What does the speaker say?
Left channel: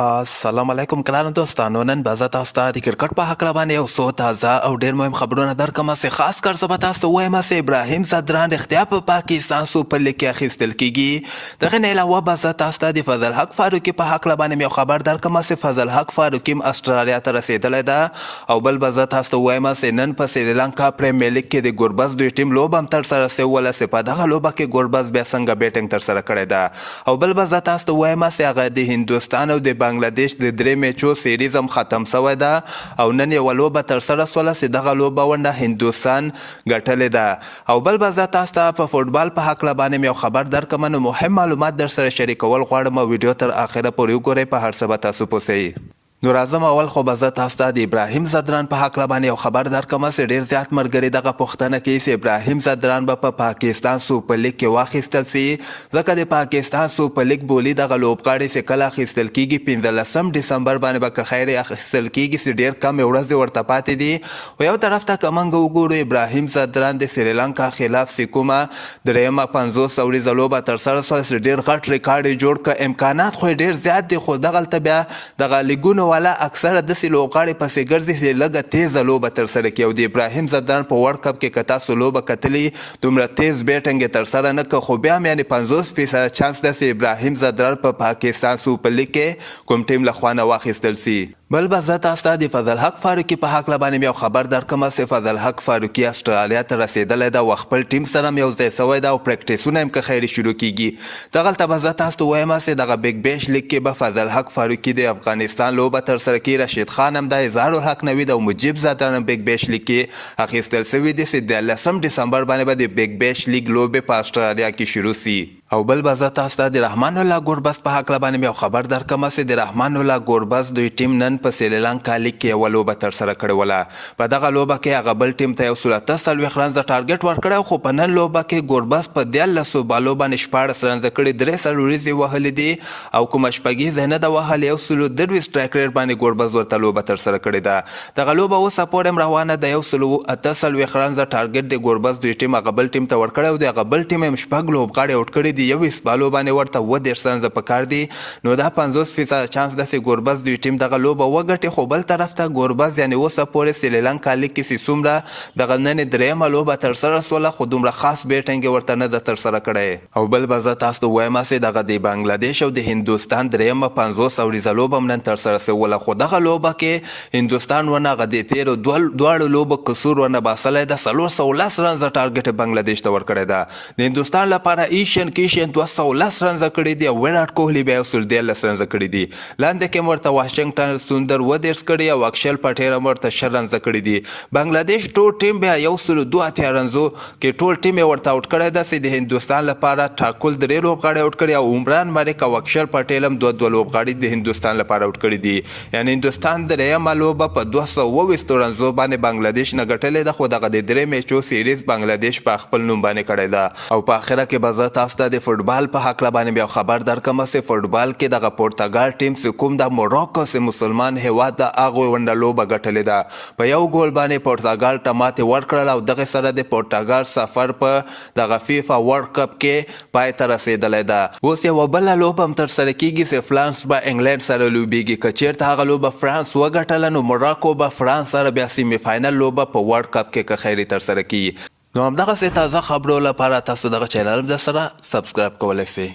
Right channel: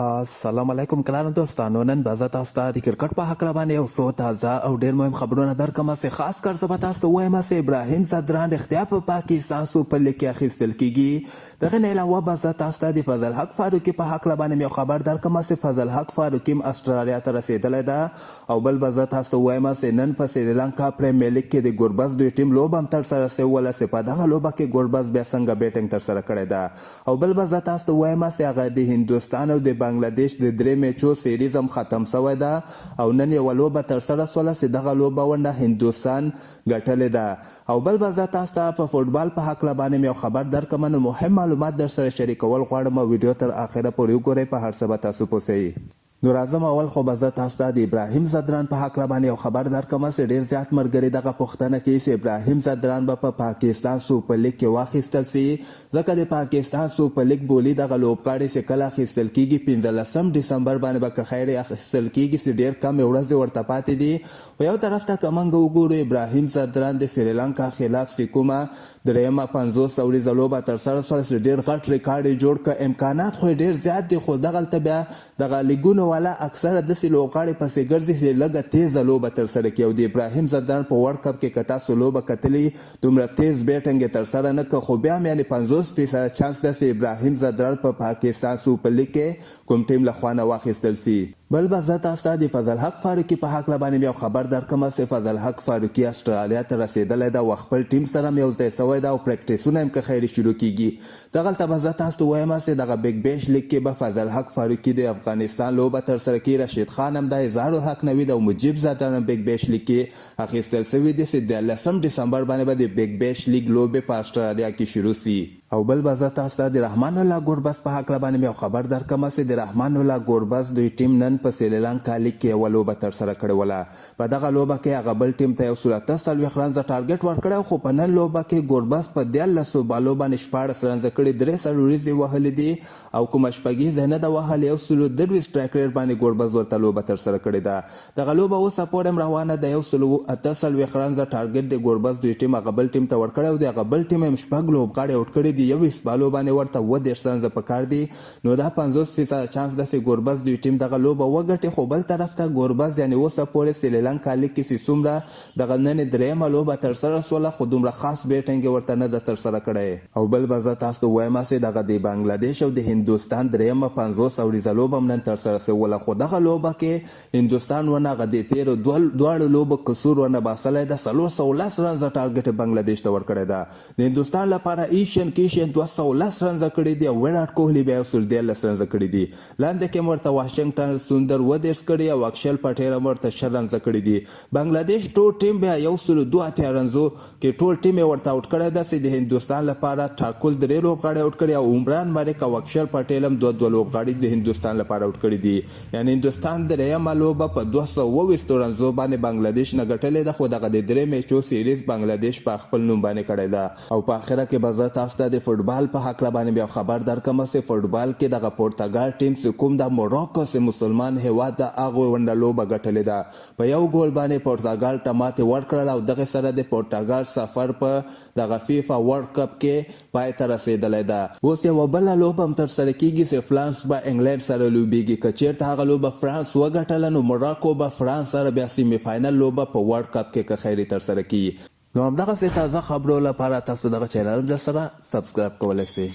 السلام علیکم ګرانو دوستانو. نن به زه تاسو ته د کرکټ په هکله باندې یو څو تازه او ډېر مهم خبرونه درکړم چې خاص کر زه به تاسو ته ووایم چې ابراهیم ځدران رښتیا په پاکستان سوپر لیګ کې اخیستل کیږي. دغه نه علاوه به زه تاسو ته د فضل حق فاروقي په هکله باندې یو خبر درکړم چې فضل حق فاروقي هم استرالیا ته رسېدلی ده. او بل به زه تاسو ته ووایم چې نن په سریلانکا پریمیر لیګ کې د ګوربز دوی ټیم لوبه هم ترسره سوله چې په دغه لوبه کې ګوربز بیا څنګه بیټینګ ترسره کړې ده. او بل به زه تاسو ته ووایم چې هغه د هندوستان او د بنګلادیش د درې میچو سیریز هم ختم شوی ده او نن یوه لوبه ترسره سوله چې دغه لوبه ونډه هندوستان ګټلې ده. او بل به زه تاسو ته په فوټبال په هکله باندې یو خبر درکړم، نو مهم معلومات در سره شریکول غواړم. ویډیو تر اخره پورې وګورئ، په هر څه به تاسو پوه شئ. نو راځم اول خو به زه تاسو ته د ابراهیم ځدران په هکله باندې یو خبر درکړم چې ډېر زیات ملګري دغه پوښتنه کوي چې ابراهیم ځدران به په پاکستان سوپر لیګ کې واخیستل سي، ځکه د پاکستان سوپر لیګ بولي دغه لوبغاړي چې کله اخیستل کیږي 15 ډسمبر باندې به که خیر اخیستل کیږي چې ډېر کم ورځې ورته پاتې دي. و یو طرف ته که موږ وګورو ابراهیم ځدران د سریلانکا خلاف چې کومه درېیمه 50 اوریزه لوبه ترسره سوه چې ډېر غټ ریکارډ یې جوړ کړ. امکانات خو یې ډېر زیات دي، خو دغلته بیا دغه لیګونو والا اکثره داسې لوبغاړي پسې ګرځي چې لږه تیزه لوبه ترسره کړي. او د ابراهیم ځدران په ورلډ کپ کې که تاسو لوبه کتلې دومره تیز بیټینګ یې ترسره نه کړ، خو بیا هم یعنې 50% چانس ده چې ابراهیم ځدران په پاکستان سوپر لیګ کې کوم ټیم لخوا نه واخیستل سي. بل به زه تاسو ته د فضل حق فاروقي په هکله باندې یو خبر درکړم چې فضل حق فاروقي استرالیا ته رسېدلی ده او خپل ټیم سره هم یو ځای سوی ده او پریکټسونه هم که خیر شروع کیږي. دغلته به زه تاسو ته ووایم چې دغه بیګ بیش لیګ کې به فضل حق فاروقي د افغانستان لوبه ترسره کړي، رشید خان هم ده، اظهار الحق نوید او مجیب ځدران هم بیګ بیش لیګ کې اخیستل سوي دي چې 13 ډسمبر باندې به د بیګ بیش لیګ لوبې په استرالیا کې شروع سي. او بل به زه تاسو ته د رحمان الله ګوربز په هکله باندې یو خبر درکړم چې د رحمان الله ګوربز دوی ټیم نن په سریلانکا لیګ کې یوه لوبه ترسره کړې وله. په دغه لوبه کې هغه بل ټیم ته 140 رنزه ټارګټ ورکړی، خو په نن لوبه کې ګوربز په 13 بالو باندې 14 رنزه کړي، 3 وریځې وهلې دي او کومه شپږیزه نه ده وهلې. 122 سټرایک ریټ باندې ګوربز ورته لوبه ترسره کړې ده. دغه لوبه اوسه پورې هم روانه ده. 148 رنزه ټارګټ د ګوربز دوی ټیم هغه بل ټیم ته ورکړی او د هغه بل ټیم هم شپږ لوبغاړي آوټ کړي دي. 21 بالو باندې ورته 30 رنزه پکار دي، نو دا 50% چانس ده چې ګوربز دوی ټیم دغه لوبه وګټي. خو بل طرف ته ګوربز یعنې اوسه پورې سریلانکا لیګ کې چې څومره دغه نن درېیمه لوبه ترسره سوله، خو دومره خاص بیټینګ یې ورته نه ده ترسره کړی. او بل به زه تاسو ته ووایم چې دغه د بنګلادیش او د هندوستان درېیمه 50 اوریزه لوبه هم نن ترسره سوله، خو دغه لوبه کې هندوستان ونه هغه د تېرو دواړو لوبو قصور ونه باسلی ده. 410 رنزه ټارګټ بنګلادیش ته ورکړی ده. د هندوستان لپاره ایشین 210 رنزه کړي دي او ویراټ کوهلي بیا 113 رنزه کړي دي. لاندې کې ورته واشنګټن سوندر 30 کړي او اکشل پټیر ورته 6 رنزه کړي دي. بنگلادیش ټول ټیم بیا 102 رنزو کې ټول ټیم یې ورته آوټ کړی ده چې د هندوستان لپاره ټاکل 3 لوبغاړي آوټ کړي او عمران مالک او اکشل پټیل هم 2 لوبغاړي د هندوستان لپاره آوټ کړي دي. یعنې هندوستان درېیمه لوبه په 220 رنزو باندې بنگلادیش نه ګټلې ده، خو دغه د 3 میچو سیریز بنگلادیش په خپل نوم باندې کړی ده. او په اخره کې به زه تاسو ته د فوټبال په هکله باندې بیا خبر درکړم چې فوټبال کې دغه پورتګال ټیم چې کوم د موراکو چې مسلمان هیواد ده هغوی ونډه لوبه ګټلې ده. په یو ګول باندې پورتګال ته ماتې ورکړل او دغه سره د پورتګال سفر په دغه فیفا ورلډ کپ کې پای ته رسېدلی ده. اوس یوه بله لوبه هم ترسره کیږي چې فرانس به انګلینډ سره لوبیږي. که چېرته هغه لوبه فرانس وګټله نو موراکو به فرانس سره بیا سیمي فاینل لوبه په ورلډ کپ کې که خیر ترسره کیږي. نو همدغسې تازه خبرو لپاره تاسو دغه چینل هم در سره سبسکرایب کولی شئ.